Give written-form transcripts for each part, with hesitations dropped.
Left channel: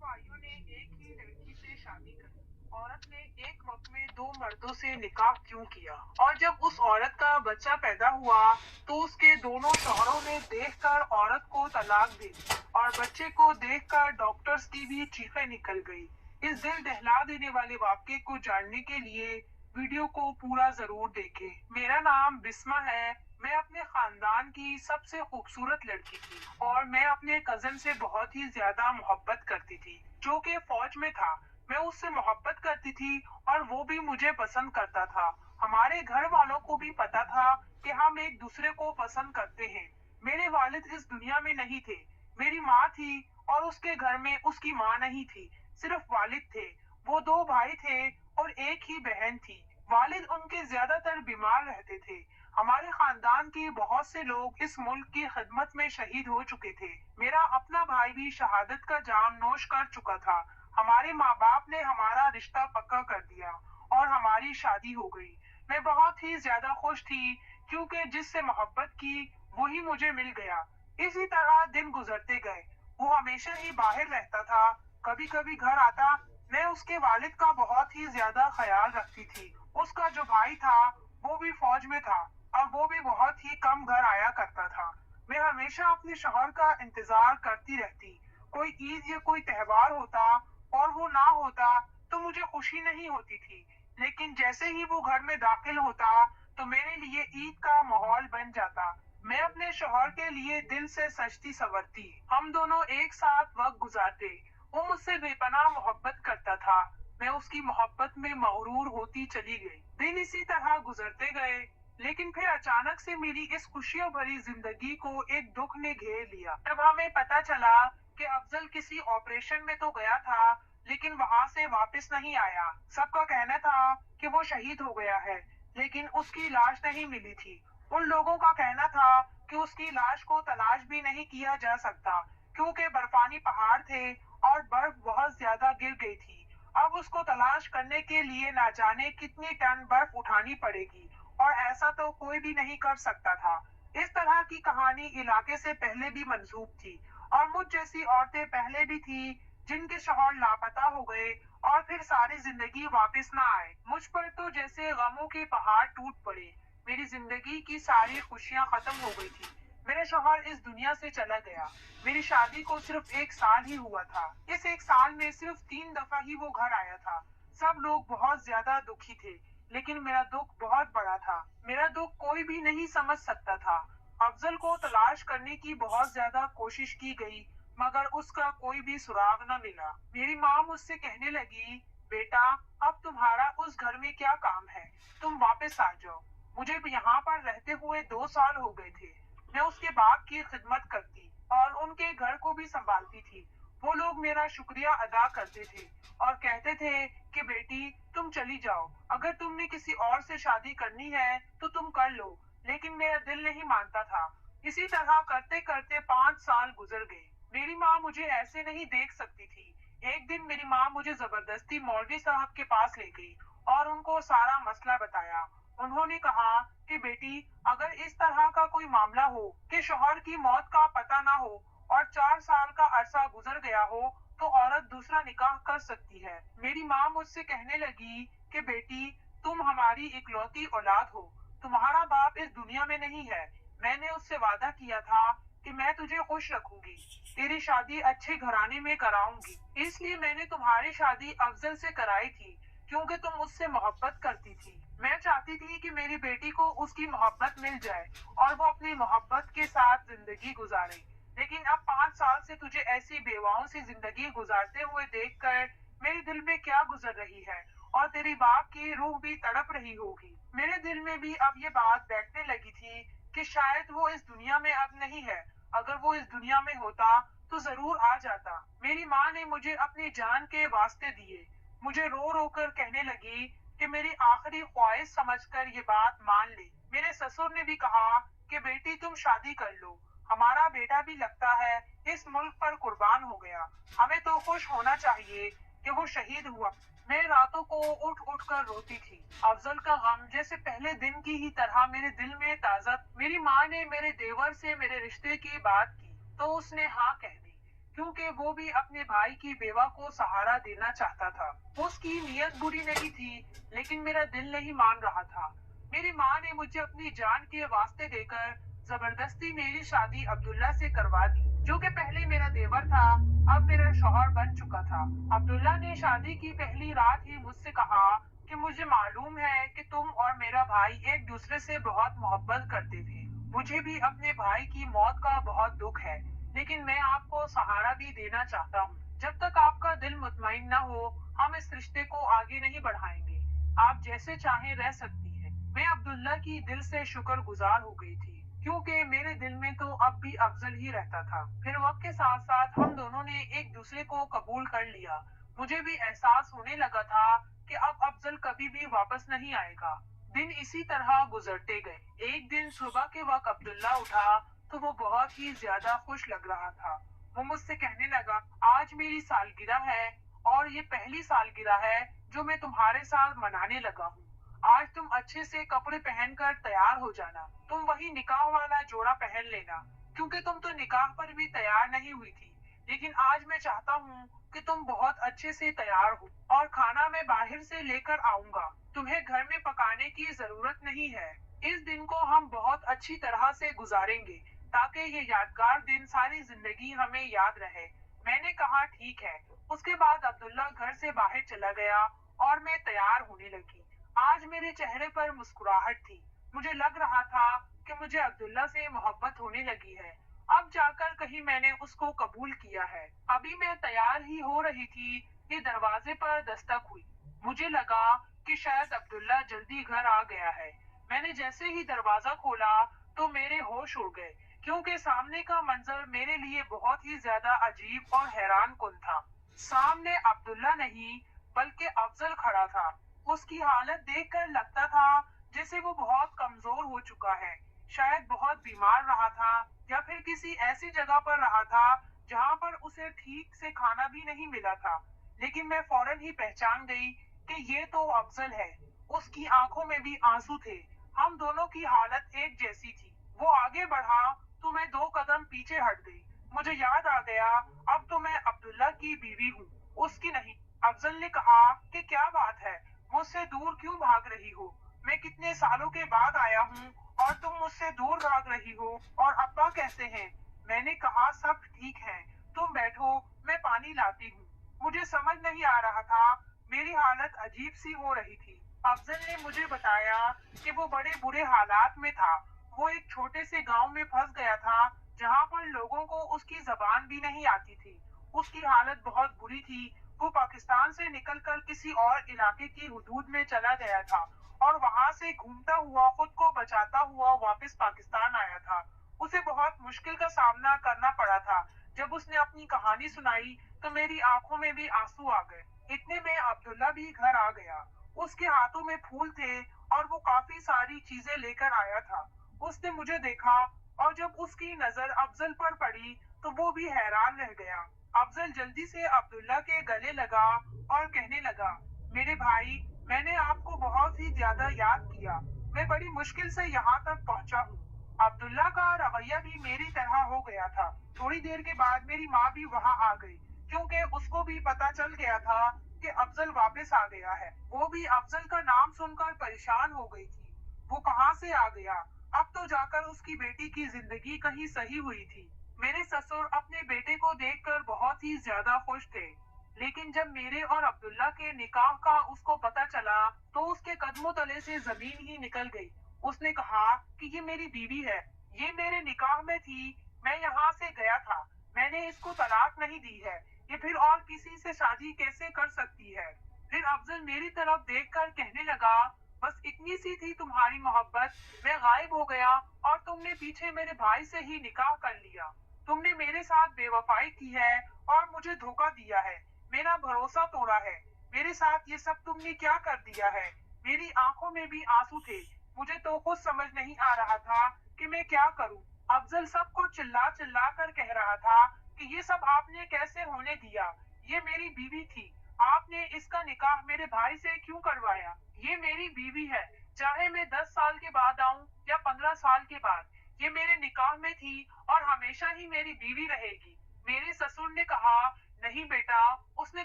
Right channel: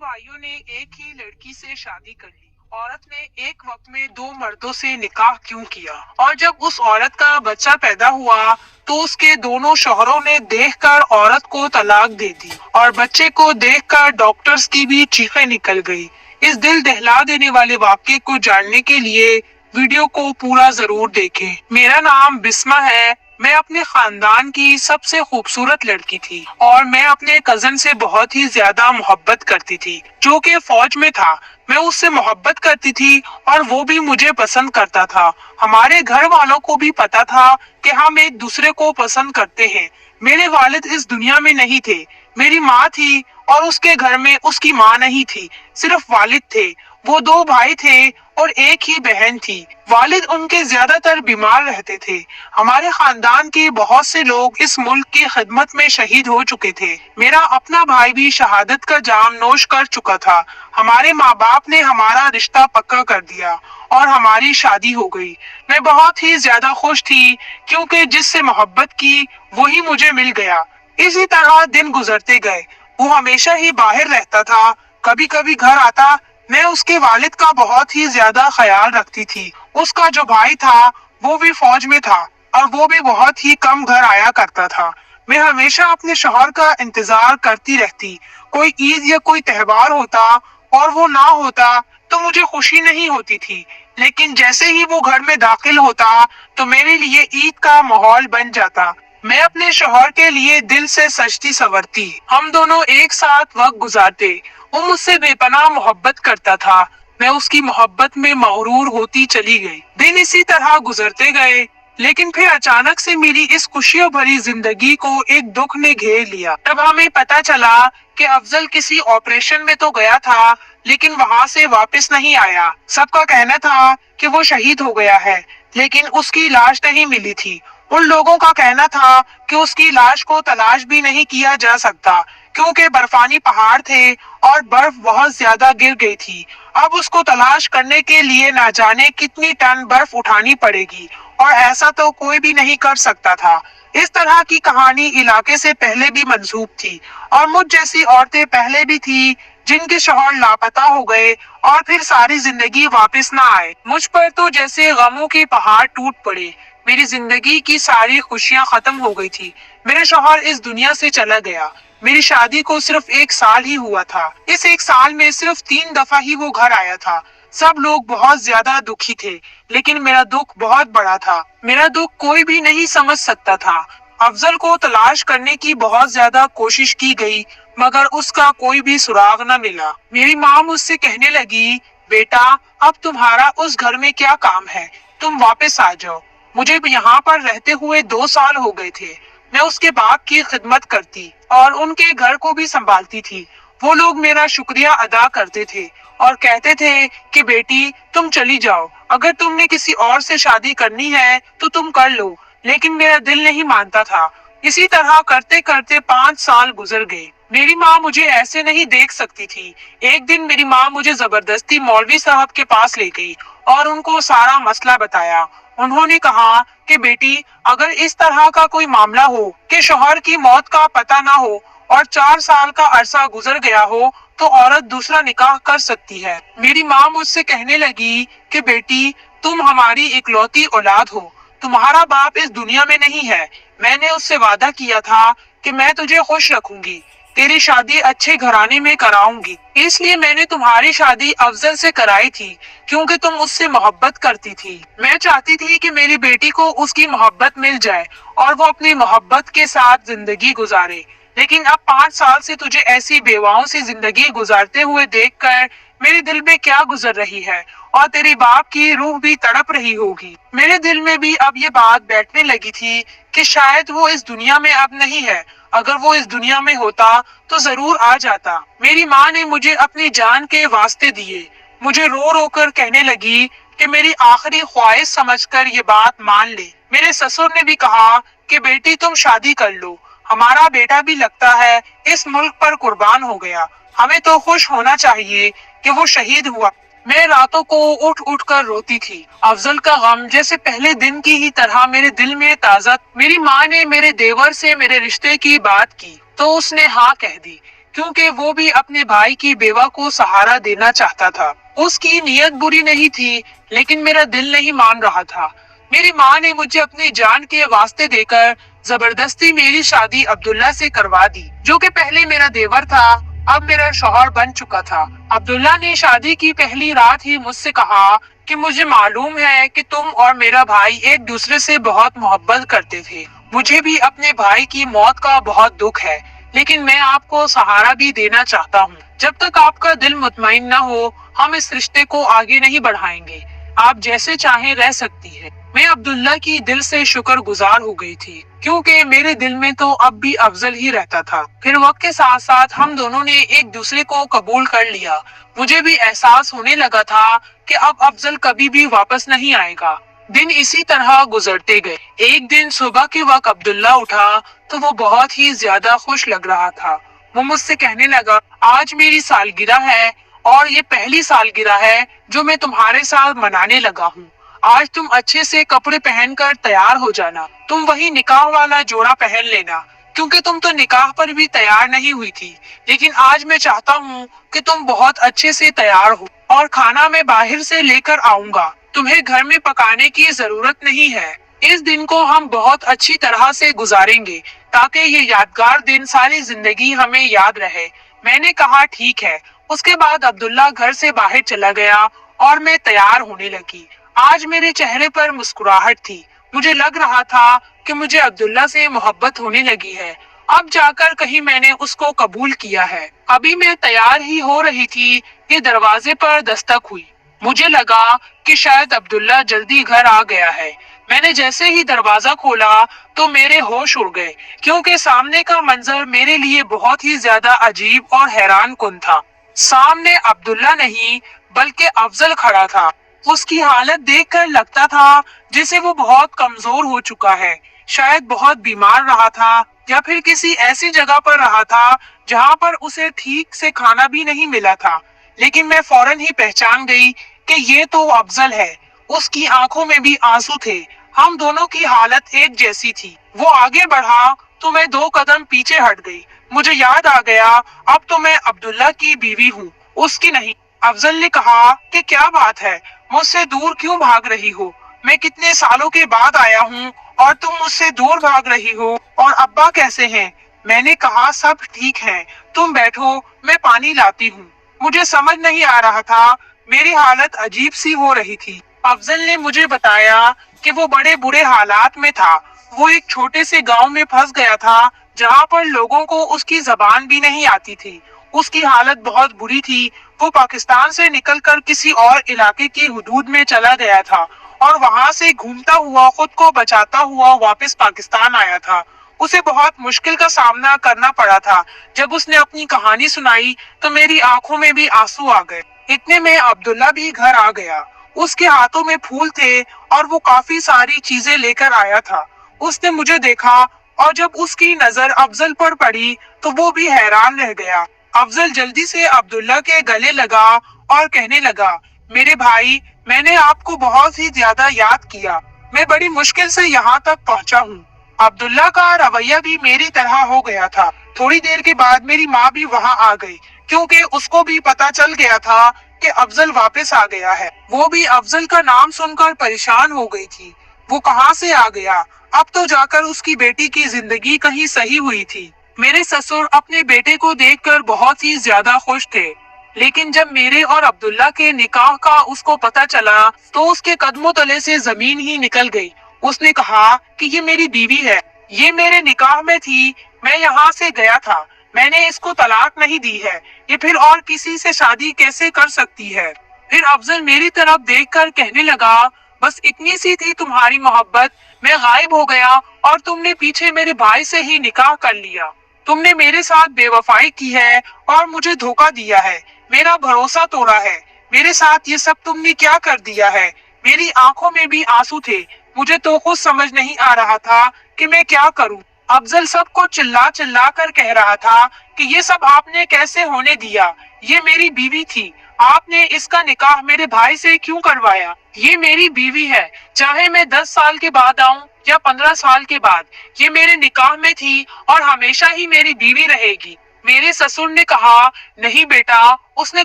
भाइयों ने एक ही लड़की से शादी कर ली। औरत ने एक वक्त में दो मर्दों से निकाह क्यों किया? और जब उस औरत का बच्चा पैदा हुआ तो उसके दोनों शौहरों ने देखकर औरत को तलाक दे दी और बच्चे को देखकर डॉक्टर्स की भी चीखें निकल गई। इस दिल दहला देने वाले वाक्य को जानने के लिए वीडियो को पूरा जरूर देखें। मेरा नाम बिस्मा है। मैं अपने खानदान की सबसे खूबसूरत लड़की थी और मैं अपने कजन से बहुत ही ज्यादा मोहब्बत करती थी, जो कि फौज में था। मैं उससे मोहब्बत करती थी और वो भी मुझे पसंद करता था। हमारे घर वालों को भी पता था कि हम एक दूसरे को पसंद करते हैं। मेरे वालिद इस दुनिया में नहीं थे। मेरी माँ थी और उसके घर में उसकी माँ नहीं थी, सिर्फ वालिद थे। वो दो भाई थे और एक ही बहन थी। वालिद उनके ज्यादातर बीमार रहते थे। हमारे खानदान के बहुत से लोग इस मुल्क की खिदमत में शहीद हो चुके थे। मेरा अपना भाई भी शहादत का जाम नोश कर चुका था। हमारे माँ बाप ने हमारा रिश्ता पक्का कर दिया और हमारी शादी हो गई। मैं बहुत ही ज्यादा खुश थी क्योंकि जिससे मोहब्बत की वही मुझे मिल गया। इसी तरह दिन गुजरते गए। वो हमेशा ही बाहर रहता था, कभी कभी घर आता। मैं उसके वालिद का बहुत ही ज्यादा ख्याल रखती थी। उसका जो भाई था वो भी फौज में था और वो भी बहुत ही कम घर आया करता था। मैं हमेशा अपने शौहर का इंतजार करती रहती। कोई ईद या कोई त्योहार होता और वो ना होता तो मुझे खुशी नहीं होती थी, लेकिन जैसे ही वो घर में दाखिल होता तो मेरे लिए ईद का माहौल बन जाता। मैं अपने शौहर के लिए दिल से सजती संवरती। हम दोनों एक साथ वक्त गुजारते। वो मुझसे बेपनाह मोहब्बत करता था। मैं उसकी मोहब्बत में मगरूर होती चली गई। दिन इसी तरह गुजरते गए, लेकिन फिर अचानक से मेरी इस खुशियों भरी जिंदगी को एक दुख ने घेर लिया। तब हमें पता चला कि अफजल किसी ऑपरेशन में तो गया था, लेकिन वहां से वापस नहीं आया। सबका कहना था कि वो शहीद हो गया है, लेकिन उसकी लाश नहीं मिली थी। उन लोगों का कहना था कि उसकी लाश को तलाश भी नहीं किया जा सकता क्योंकि बर्फानी पहाड़ थे और बर्फ बहुत ज्यादा गिर गई थी। अब उसको तलाश करने के लिए ना जाने कितनी टन बर्फ उठानी पड़ेगी और ऐसा तो कोई भी नहीं कर सकता था। इस तरह की कहानी इलाके से पहले भी मंसूब थी और मुझ जैसी औरतें पहले भी थी जिनके शौहर लापता हो गए और फिर सारी जिंदगी वापस ना आए। मुझ पर तो जैसे गमों के पहाड़ टूट पड़े। मेरी जिंदगी की सारी खुशियां खत्म हो गई थी। मेरा शौहर इस दुनिया से चला गया। मेरी शादी को सिर्फ एक साल ही हुआ था। इस एक साल में सिर्फ 3 दफा ही वो घर आया था। सब लोग बहुत ज्यादा दुखी थे, लेकिन मेरा दुख बहुत बड़ा था। मेरा दुख कोई भी नहीं समझ सकता था। अफजल को तलाश करने की बहुत ज्यादा कोशिश की गई, मगर उसका कोई भी सुराग न मिला। मेरी माँ मुझसे कहने लगी, बेटा अब तुम्हारा उस घर में क्या काम है, तुम वापस आ जाओ। मुझे भी यहाँ पर रहते हुए 2 साल हो गए थे। मैं उसके बाप की खिदमत करती और उनके घर को भी संभालती थी। वो लोग मेरा शुक्रिया अदा करते थे और कहते थे कि बेटी तुम चली जाओ, अगर तुमने किसी और से शादी करनी है तो तुम कर लो, लेकिन मेरा दिल नहीं मानता था। इसी तरह करते करते 5 साल गुजर गए। मेरी माँ मुझे ऐसे नहीं देख सकती थी। एक दिन मेरी माँ मुझे जबरदस्ती मौलवी साहब के पास ले गई और उनको सारा मसला बताया। उन्होंने कहा कि बेटी अगर इस तरह का कोई मामला हो कि शौहर की मौत का पता ना हो और 4 साल का अरसा गुजर गया हो तो औरत दूसरा निकाह कर सकती है। मेरी माँ मुझसे कहने लगी कि बेटी तुम हमारी इकलौती औलाद हो, तुम्हारा बाप इस दुनिया में नहीं है। मैंने उससे वादा किया था कि मैं तुझे खुश रखूंगी, तेरी शादी अच्छे घराने में कराऊंगी। इसलिए मैंने तुम्हारी शादी अफजल से कराई थी क्योंकि तुम उससे मोहब्बत करती थी। मैं चाहती थी कि मेरी बेटी को उसकी मोहब्बत मिल जाए और वो अपनी मोहब्बत के साथ जिंदगी गुजारे। लेकिन अब 5 साल से तुझे ऐसी बेवाओं से जिंदगी गुजारते हुए देखकर मेरे दिल में क्या गुजर रही है और तेरे बाप की रूह भी तड़प रही होगी। मेरे दिल में भी अब ये बात बैठने लगी थी कि शायद वो इस दुनिया में अब नहीं है। अगर वो इस दुनिया में होता तो जरूर आ जाता। मेरी माँ ने मुझे अपनी जान के वास्ते दिए। मुझे रो रो कर कहने लगी कि मेरी आखिरी ख्वाहिश समझकर ये बात मान ले। मेरे ससुर ने भी कहा कि बेटी तुम शादी कर लो, हमारा बेटा भी लगता है इस मुल्क पर कुर्बान हो गया। हमें तो खुश होना चाहिए कि वो शहीद हुआ। मैं रातों को उठ उठ कर रोती थी। अफजल का गम जैसे पहले दिन की ही तरह मेरे दिल में ताजा। मेरी माँ ने मेरे देवर से मेरे रिश्ते की बात की तो उसने हाँ कह दी। क्योंकि वो भी अपने भाई की बेवा को सहारा देना चाहता था। उसकी नीयत बुरी नहीं थी, लेकिन मेरा दिल नहीं मान रहा था। मेरी माँ ने मुझे अपनी जान के वास्ते देकर जबरदस्ती मेरी शादी अब्दुल्ला से करवा दी, जो कि पहले मेरा देवर था, अब मेरा शौहर बन चुका था। अब्दुल्ला ने शादी की पहली रात ही मुझसे कहा कि मुझे मालूम है कि तुम और मेरा भाई एक दूसरे से बहुत मोहब्बत करते थे। मुझे भी अपने भाई की मौत का बहुत दुख है, लेकिन मैं आपको सहारा भी देना चाहता हूँ। जब तक आपका दिल मुतमईन न हो, हम इस रिश्ते को आगे नहीं बढ़ाएंगे। आप जैसे चाहें रह सकती है। मैं अब्दुल्ला की दिल से शुक्रगुजार हो गई थी, क्योंकि मेरे दिल में तो अब भी अफजल ही रहता था। फिर वक्त के साथ साथ हम दोनों ने एक दूसरे को कबूल कर लिया। मुझे भी एहसास होने लगा था कि अब अफजल कभी भी वापस नहीं आएगा। दिन इसी तरह गुजरते गए। एक दिन सुबह के वक्त अब्दुल्ला उठा तो वो बहुत ही ज्यादा खुश लग रहा था। वो मुझसे कहने लगा, आज मेरी सालगिरह है और ये पहली सालगिरह है जो मैं तुम्हारे साथ मनाने लगा हूँ। आज तुम अच्छे से कपड़े पहनकर तैयार हो जाना। तुम वही निकाह वाला जोड़ा पहन लेना, क्योंकि तुम तो निकाह पर भी तैयार नहीं हुई थी। लेकिन आज मैं चाहता हूँ कि तुम बहुत अच्छे से तैयार हो, और खाना मैं बाहर से लेकर आऊंगा। तुम्हें घर में पकाने की जरूरत नहीं है। इस दिन को हम बहुत अच्छी तरह से गुजारेंगे, ताकि ये यादगार दिन सारी जिंदगी हमें याद रहे। मैंने कहा ठीक है। उसके बाद अब्दुल्ला घर से बाहर चला गया और मैं तैयार होने लगी। आज मेरे चेहरे पर मुस्कुराहट थी। मुझे लग रहा था कि मुझे अब्दुल्ला से मोहब्बत होने लगी है। अब जाकर कहीं मैंने उसको कबूल किया है। अभी मैं तैयार ही हो रही थी कि दरवाजे पर दस्तक हुई। मुझे लगा कि शायद अब्दुल्ला जल्दी घर आ गया है। मैंने जैसे ही दरवाजा खोला तो मेरे होश उड़ गए, क्योंकि सामने का मंजर मेरे लिए बहुत ही ज्यादा अजीब और हैरान कुन था। सामने अब्दुल्ला नहीं, बल्कि अफजल खड़ा था। उसकी हालत देखकर लगता था जैसे वो बहुत कमजोर हो चुका है। शायद बहुत बीमार रहा था, या फिर किसी ऐसी जगह पर रहा था जहाँ पर उसे ठीक से खाना भी नहीं मिला था। लेकिन मैं फौरन ही पहचान गई कि ये तो अफजल है। उसकी आंखों में भी आंसू थे। हम दोनों की हालत एक जैसी थी। वो आगे बढ़ा तो मैं 2 कदम पीछे हट गई। मुझे याद आ गया, अब तो मैं अब्दुल्ला की बीवी हूँ, उसकी नहीं। अफजल ने कहा कि क्या बात है, मुझसे दूर क्यों भाग रही हो? मैं कितने सालों के बाद आया हूँ और तुम मुझसे दूर भाग रही हो। और अब्बा कैसे हैं? मैंने कहा सब ठीक है, तुम बैठो, मैं पानी लाती हूँ। मुझे समझ नहीं आ रहा था, मेरी हालत अजीब सी हो रही थी। अफजल ने मुझे बताया कि वो बड़े बुरे हालात में था। वो एक छोटे से गांव में फंस गया था, जहाँ पर लोगों को उसकी जबान भी नहीं आती थी। उसकी हालत बहुत बुरी थी। वो पाकिस्तान से निकलकर किसी और इलाके की हुदूद में चला गया था, और वहां से घूमता हुआ खुद को बचाता हुआ वापस पाकिस्तान आया था। उसे बहुत मुश्किल का सामना करना पड़ा था। जब उसने अपनी कहानी सुनाई तो मेरी आंखों में भी आंसू आ गए। इतने में अब्दुल्ला भी घर आ गया। उसके हाथों में फूल थे और वो काफी सारी चीजें लेकर आया था। उसने मुझे देखा, और जब उसकी नजर अफजल पर पड़ी तो वो भी हैरान रह गया। अफजल जल्दी से अब्दुल्ला के गले लगा और कहने लगा, मेरे भाई, मैंने आपको बहुत ही ज्यादा याद किया। मैं बड़ी मुश्किल से यहाँ तक पहुँचा हूँ। अब्दुल्ला का रवैया भी मेरी तरह हो गया था। थोड़ी देर के बाद मेरी माँ भी वहाँ आ गई, क्योंकि उसको भी पता चल गया था कि अफजल वापस आ गया है। वो भी अफजल का नाम सुनकर परेशान हो गई थी। वो कहाँ से आ गया? अब तो जाकर उसकी बेटी की जिंदगी कहीं सही हुई थी। मेरे ससुर अपने बेटे को देखकर बहुत ही ज्यादा खुश थे। लेकिन जब मेरे और अब्दुल्ला के निकाह का उसको पता चला तो उसके कदमों तले से जमीन ही निकल गई। उसने कहा कि ये मेरी बीवी है, ये मेरे निकाह में थी, मैं यहाँ से गया था, मैंने इसको तलाक नहीं दी है, ये फिर और किसी से शादी कैसे कर सकती है? फिर अफजल मेरी तरफ देखकर कहने लगा, बस इतनी सी थी तुम्हारी मोहब्बत, मैं गायब हो गया और तुमने पीछे मेरे भाई से ही निकाह कर लिया। तुमने मेरे साथ बेवफाई की है और मुझे धोखा दिया है, मेरा भरोसा तोड़ा है। मेरे साथ ये सब तुमने क्या कर दिया है? मेरी आंखों में भी आंसू थे। मुझे तो खुद समझ नहीं आ रहा था कि मैं क्या करूं। अफजल सबको चिल्ला चिल्ला कर कह रहा था कि ये सब आपने कैसे होने दिया? ये मेरी बीवी थी, आपने इसका निकाह मेरे भाई से क्यों करवाया? ये मेरी बीवी है, चाहे मैं 10 साल के बाद आऊं या 15 साल के बाद, ये मेरे निकाह में थी और हमेशा ही मेरी बीवी रहेगी। میرے سسر نے کہا نہیں بیٹا، اس نے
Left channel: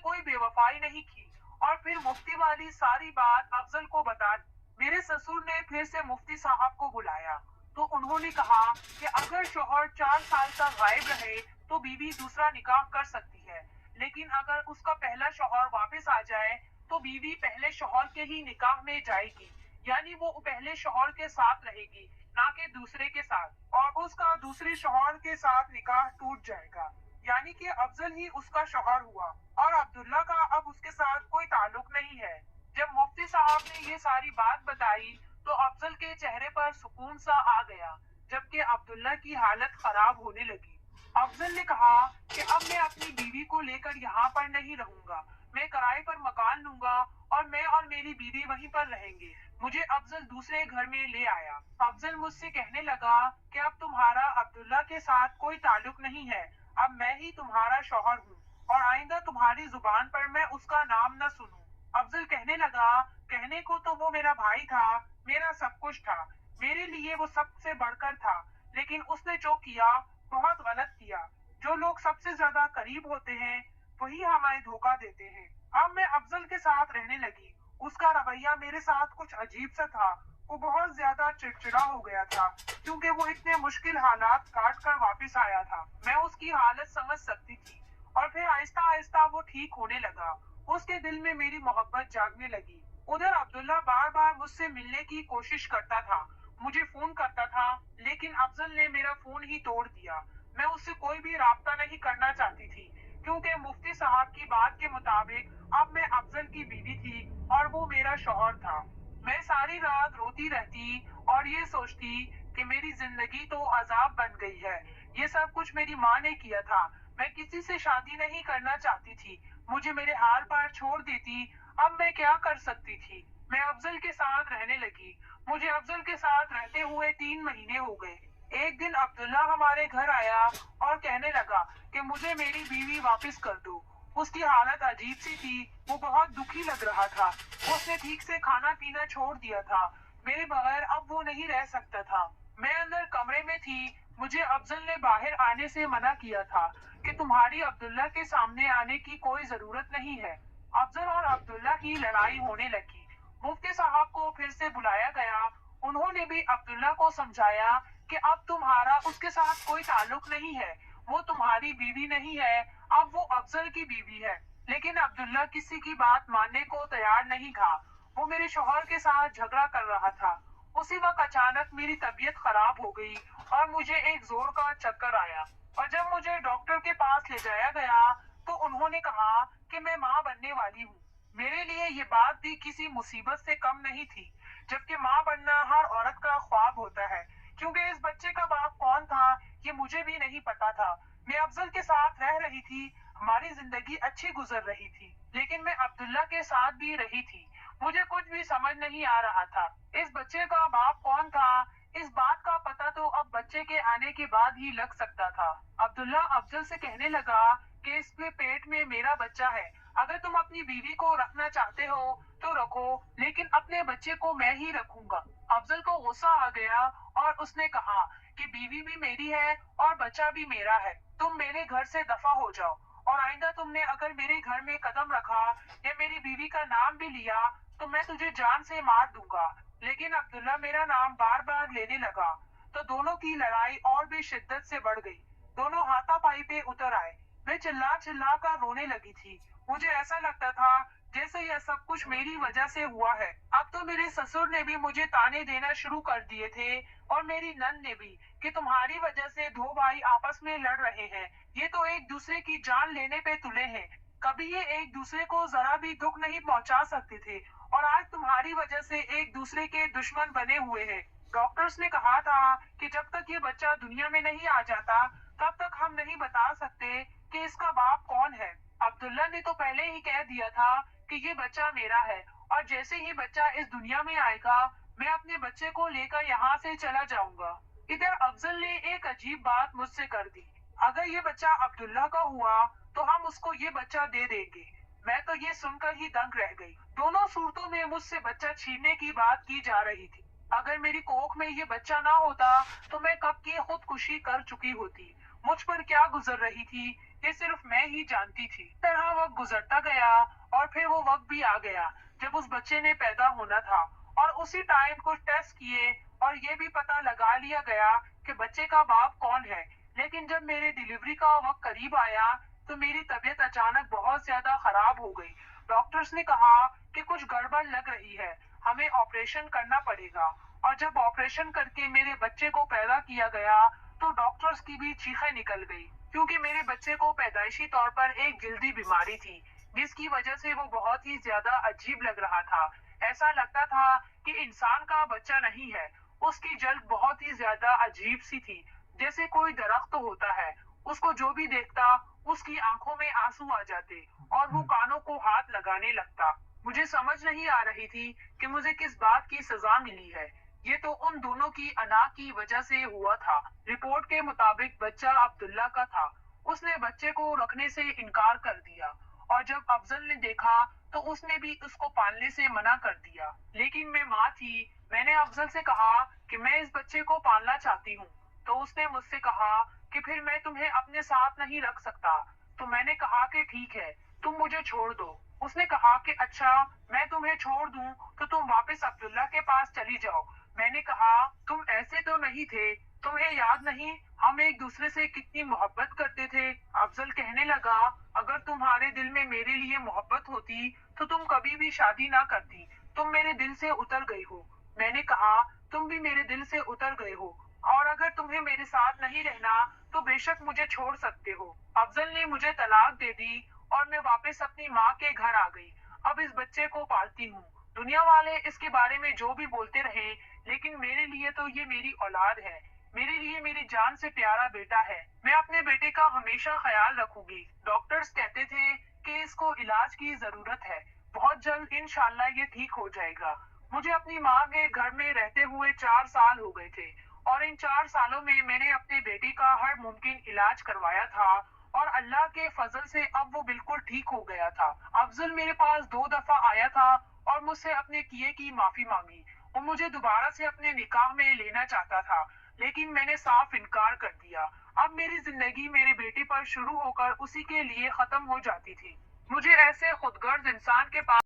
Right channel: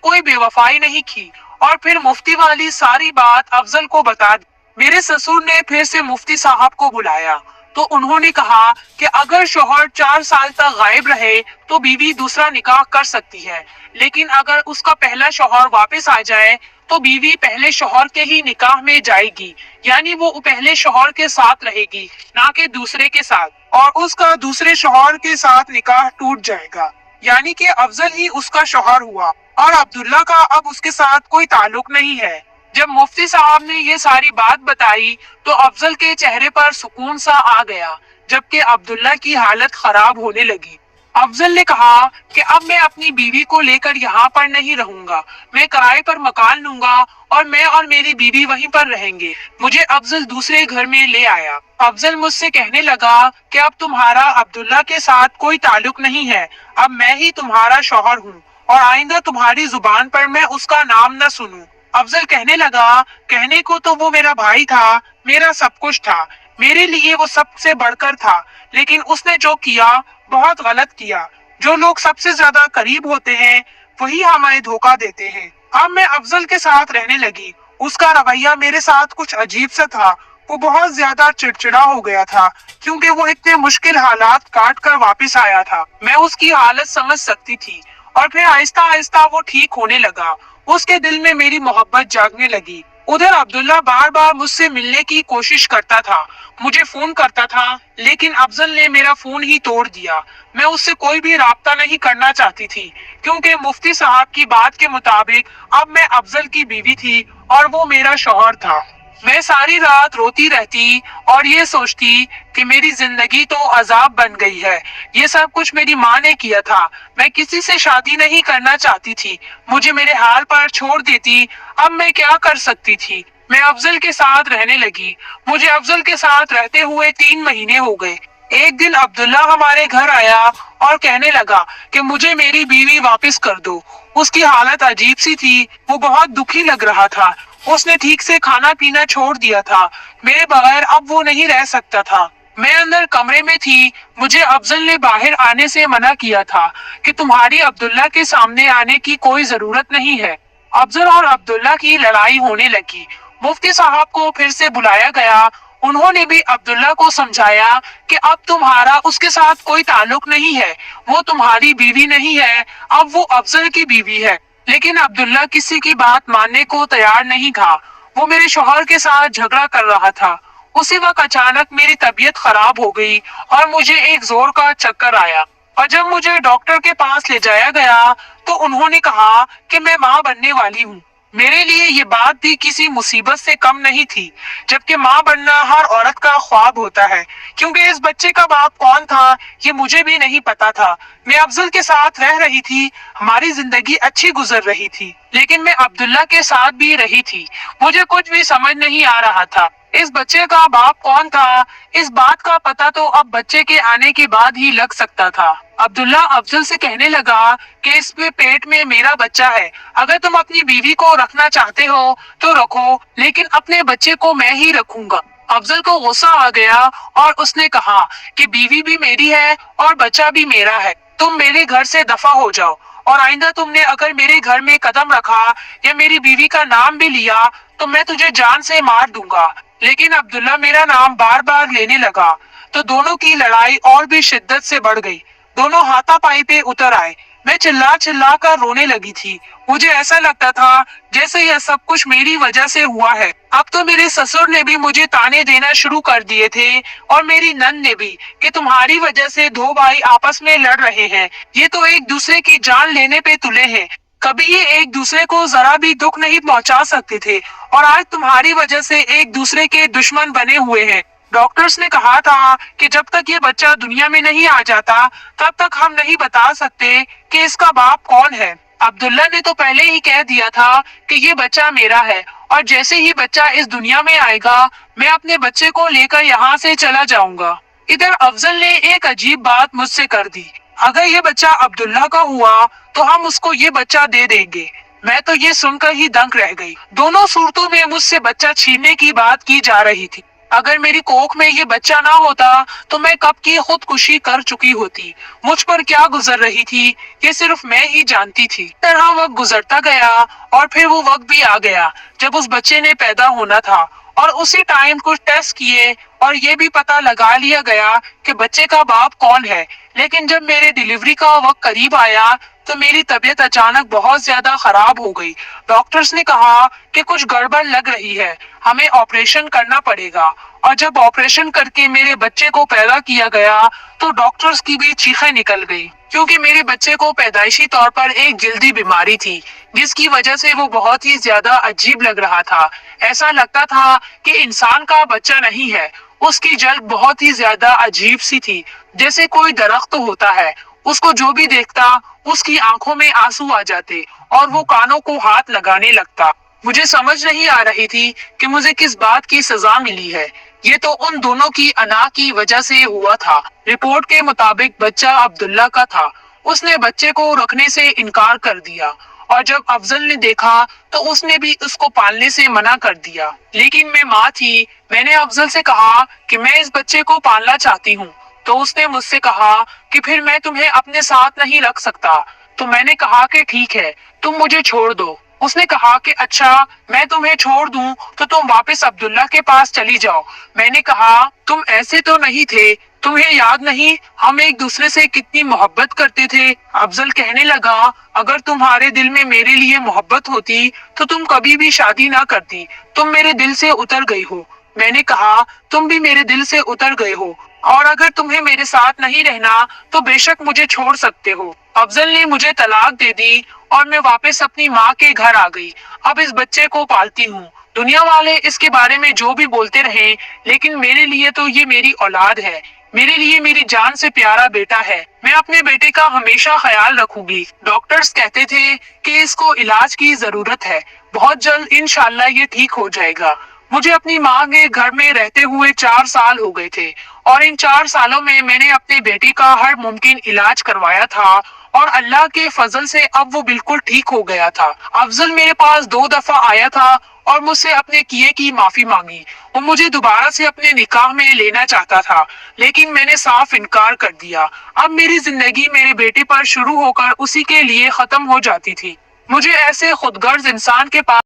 کوئی بے وفائی نہیں کی، اور پھر مفتی والی ساری بات افضل کو بتا دی۔ میرے سسر نے پھر سے مفتی صاحب کو بلایا تو انہوں نے کہا کہ اگر شوہر 4 سال تک غائب رہے تو بیوی دوسرا نکاح کر سکتی ہے، لیکن اگر اس کا پہلا شوہر واپس آ جائے تو بیوی پہلے شوہر کے ہی نکاح میں جائے گی، یعنی وہ پہلے شوہر کے ساتھ رہے گی نہ کہ دوسرے کے ساتھ، اور اس کا دوسرے شوہر کے ساتھ نکاح ٹوٹ جائے گا، یعنی کہ افضل ہی اس کا شوہر ہوا اور عبداللہ کا اب اس کے ساتھ کوئی تعلق نہیں ہے۔ جب مفتی صاحب نے یہ ساری بات بتائی تو افضل کے چہرے پر سکون سا آ گیا، جبکہ عبداللہ کی حالت خراب ہونے لگی۔ افضل نے کہا کہ اب میں اپنی بیوی کو لے کر یہاں پر نہیں رہوں گا، میں کرائے پر مکان لوں گا اور میں اور میری بیوی وہیں پر رہیں گے۔ مجھے افضل دوسرے گھر میں لے آیا۔ افضل مجھ سے کہنے لگا کہ اب تمہارا عبداللہ کے ساتھ کوئی تعلق نہیں ہے، اب میں ہی تمہارا شوہر ہوں اور آئندہ تمہاری زبان پر میں اس کا نام نہ سنوں۔ افضل کہنے لگا کہنے کو تو وہ میرا بھائی تھا، میرا سب کچھ تھا، میرے لیے وہ سب سے بڑھ کر تھا، لیکن اس نے جو کیا بہت غلط کیا۔ جو لوگ سب سے زیادہ قریب ہوتے ہیں وہی ہمیں دھوکہ دیتے ہیں۔ اب میں افضل کے ساتھ رہنے لگی۔ اس کا رویہ میرے ساتھ کچھ عجیب سا تھا، وہ بہت زیادہ چڑچڑا ہو گیا تھا کیونکہ وہ اتنے مشکل حالات کاٹ کر واپس آیا تھا۔ میں اس کی حالت سمجھ سکتی تھی اور پھر آہستہ آہستہ وہ ٹھیک ہونے لگا۔ اس کے دل میں میری محبت جاگنے لگی۔ ادھر عبداللہ بار بار مجھ سے ملنے کی کوشش کرتا تھا، مجھے فون کرتا تھا، لیکن افضل نے میرا فون ہی توڑ دیا۔ میں اس سے کوئی بھی رابطہ نہیں کرنا چاہتی تھی کیونکہ مفتی صاحب کی بات کے مطابق اب میں افضل کی بیوی تھی اور وہ میرا شوہر تھا۔ میں ساری رات روتی رہتی اور یہ سوچتی کہ میری زندگی تو عذاب بن گئی ہے، یہ سب کچھ میری ماں نے کیا تھا، میں کسی سے شادی نہیں کرنا چاہتی تھی، مجھے میرے حال پر چھوڑ دیتی، اب میں کیا کر سکتی تھی۔ میں افضل کے ساتھ رہنے لگی۔ مجھے افضل کے ساتھ رہتے ہوئے 3 مہینے ہو گئے۔ ایک دن عبداللہ ہمارے گھر آیا اور کہنے لگا کہ مجھے میری بیوی واپس کر دو۔ اس کی حالت عجیب سی تھی، وہ بہت دکھی لگ رہا تھا، اس نے ٹھیک سے کھانا پینا چھوڑ دیا تھا، میرے بغیر اب وہ نہیں رہ سکتا تھا۔ میں اندر کمرے میں تھی، مجھے افضل نے باہر آنے سے منع کیا تھا کہ تمہاری عبداللہ کے سامنے آنے کی کوئی ضرورت نہیں ہے۔ افضل اور عبداللہ کی لڑائی ہونے لگی۔ مفتی صاحب کو پھر سے بلایا گیا، انہوں نے بھی عبداللہ کو سمجھایا کہ اب تمہارا اس کے ساتھ کوئی تعلق نہیں ہے، وہ تمہاری بیوی نہیں ہے، اب وہ افضل کی بیوی ہے۔ لیکن عبداللہ کسی کی بات ماننے کو تیار نہیں تھا، وہ میرے شوہر کے ساتھ جھگڑا کر رہا تھا۔ اسی وقت اچانک میری طبیعت خراب ہو گئی اور مجھے ایک زور کا چکر آیا، اور جب مجھے ڈاکٹر کے پاس لے جایا گیا تو انہوں نے کہا کہ میں ماں بننے والی ہوں۔ میرے لیے یہ بات بھی کسی مصیبت سے کم نہیں تھی، جبکہ ماں بننا ہر عورت کا خواب ہوتا ہے، کیونکہ اس بچے کا باپ کون تھا یہ مجھے بھی نہیں پتا تھا۔ میں افضل کے ساتھ رہ رہی تھی، ہماری زندگی اچھی گزر رہی تھی، لیکن میں عبداللہ کے ساتھ بھی رہی تھی، مجھے کچھ بھی سمجھ نہیں آ رہا تھا۔ اس بچے کا باپ کون تھا، اس بات کا پتہ تو اب بچے کے آنے کے بعد ہی لگ سکتا تھا۔ عبداللہ افضل سے کہنے لگا کہ اس میں پیٹ میں میرا بچہ ہے، اگر تم اپنی بیوی کو رکھنا چاہتے ہو تو رکھو، لیکن اپنے بچے کو میں ہی رکھوں گا۔ افضل کو غصہ آ گیا اور اس نے کہا کہ بیوی بھی میری ہے اور بچہ بھی میرا ہے، تم میرے گھر سے دفع ہو جاؤ، اور آئندہ تم نے اگر میرے گھر میں قدم رکھا یا میری بیوی کا نام بھی لیا تو میں تجھے جان سے مار دوں گا۔ لیکن عبداللہ میرا نام بار بار لینے لگا تو دونوں کی لڑائی اور بھی شدت سے بڑھ گئی، دونوں ہاتھا پائی پہ اتر آئے۔ میں چلا چلا کر رونے لگی تھی، مجھے ایسا لگتا تھا جیسے یہ سب کچھ میری وجہ سے ہوا ہے۔ اب تو میرے سسر نے بھی مجھے تانے دینا شروع کر دیے تھے اور میری نند نے بھی کہ تمہاری وجہ سے 2 بھائی آپس میں لڑ رہے ہیں، یہ تو ایک دوسرے کی جان لینے پہ تلے ہیں، کبھی یہ ایک دوسرے کو ذرا بھی دکھ نہیں پہنچا سکتے تھے اور آج تمہاری وجہ سے ایک دوسرے کے دشمن بنے ہوئے ہیں۔ ڈاکٹرز نے کہا تھا کہ جب تک یہ بچہ دنیا میں نہیں آ جاتا تب تک ہم نہیں بتا سکتے کہ اس کا باپ کون ہے۔ عبداللہ نے تو پہلے ہی کہہ دیا تھا کہ یہ بچہ میرا ہے، اور جیسے ہی بچہ اس دنیا میں آئے گا میں اپنے بچے کو لے کر یہاں سے چلا جاؤں گا۔ ادھر افضل نے ایک عجیب بات مجھ سے کر دی، اگر یہ بچہ عبداللہ کا ہوا تو ہم اس کو یہ بچہ دے دیں گے۔ میں تو یہ سن کر ہی دنگ رہ گئی، دونوں صورتوں میں مجھ سے بچہ چھیننے کی بات کی جا رہی تھی۔ اگر میری کوکھ میں یہ بچہ نہ ہوتا تو میں کب کی خودکشی کر چکی ہوتی۔ مجھ پر کیا گزر رہی تھی یہ صرف میں ہی جانتی تھی۔ اس طرح وقت گزرتا گیا اور پھر وہ وقت بھی آ گیا جب اس بچے نے پیدا ہونا تھا، اور اسی ٹائم کچھ ٹیسٹ کیے اور یہ بھی پتا لگا لیا گیا کہ بچے کا باپ کون ہے۔ لیکن جب میرے ڈیلیوری کا وقت قریب آیا تو میری طبیعت اچانک بہت زیادہ خراب ہو گئی۔ ڈاکٹرز نے کہا کہ کچھ گڑبڑ لگ رہی ہے، ہمیں آپریشن کرنا پڑے گا۔ اور جب آپریشن کر کے میرے بچے کو پیدا کیا گیا تو ڈاکٹرز کی بھی چیخیں نکل گئی، کیونکہ میرے بچے کو پیدائشی طور پر ایک جلدی بیماری تھی جس کی وجہ سے وہ بہت ہی زیادہ عجیب لگ رہا تھا۔ ایسا لگتا تھا کہ انسان کا بچہ نہیں ہے۔ اس کی جلد بہت ہی زیادہ عجیب سی تھی، جیسے کوئی درخت ہوتا ہے، اس کو جو بھی دیکھتا اس کی آنکھوں میں آنسو آ جاتے اور وہ کانوں کو ہاتھ لگانے لگتا۔ مجھے سمجھ نہیں آ رہی تھی کہ مجھے کس بات کی سزا ملی ہے۔ یہ تو ان دونوں کی انا کی وجہ سے ہوا تھا۔ رپورٹ کے مطابق بچہ عبداللہ کا تھا۔ اس نے بچے کو رکھنے سے انکار کر دیا، اور جب افضل نے دیکھا تو اس نے بھی اس کو پالنے سے منع کر دیا۔ لیکن میں ماں تھی، میں نے افضل سے کہا کہ میں اس بچے کو پالنا چاہتی ہوں، تو اس نے مجھ سے کہا کہ پھر میں تمہیں اپنے ساتھ نہیں رکھ سکتا۔ تو میں نے کہا کہ ٹھیک ہے، تم مجھے چھوڑ دو۔ اس نے کہا کہ اچھا میں تمہیں چھوڑ دوں تو تم واپس عبداللہ کے پاس چلی جاؤ۔ میں نے کہا تم ایسے تو نہیں تھے، تمہیں یاد نہیں ہم ایک دوسرے سے کتنی محبت کرتے تھے؟ افضل کہنے لگا اگر تمہارے دل میں میرے لیے محبت ہوتی تو تم کبھی بھی شادی نہ کرتی، تم میرے دل سے اتر گئی ہو۔ میں نے کہا تم بھی میرے دل سے اتر گئے ہو، اور اگر تمہیں میرے ساتھ نہیں رہنا تو بے شک مجھے چھوڑ سکتے ہو۔ افضل نے مجھے طلاق دے دی اور میں واپس اپنی ماں کے گھر آ گئی۔ اب اس بچے کو پالتی ہوں۔ دنیا والے اس کے بارے میں جو بھی بولتے رہیں، لیکن میرے لیے تو یہ میری اولاد ہے، میرے لیے میری جان سے پیارا بیٹا ہے۔ میں اپنے بیٹے کا ہمیشہ خیال رکھوں گی۔ ڈاکٹرز کہتے تھے کہ اس کو علاج کی ضرورت ہے، بہت جلد انشاءاللہ یہ ٹھیک ہو جائے گا۔ مجھے اپنی ماں کے گھر میں رہتے ہوئے 4 سال ہو گئے تھے، اور ان 4 سالوں میں نے اپنے بیٹے کا ہر ممکن علاج کروایا تھا، اور اللہ کے فضل سے اب وہ بالکل ٹھیک ہو گیا تھا۔ افضل میرے پاس 2 دفعہ آیا تھا اور مجھ سے اپنے کیے کی معافی مانگی۔ وہ مجھے دوبارہ سے اپنے نکاح میں لینا چاہتا تھا، لیکن میں نے صاف انکار کر دیا۔ اب میری زندگی میرے بیٹے پر شروع ہو کر اسی کے لیے ختم ہو جاتی تھی۔ مجھے ایسے خود غرض انسان کے پاس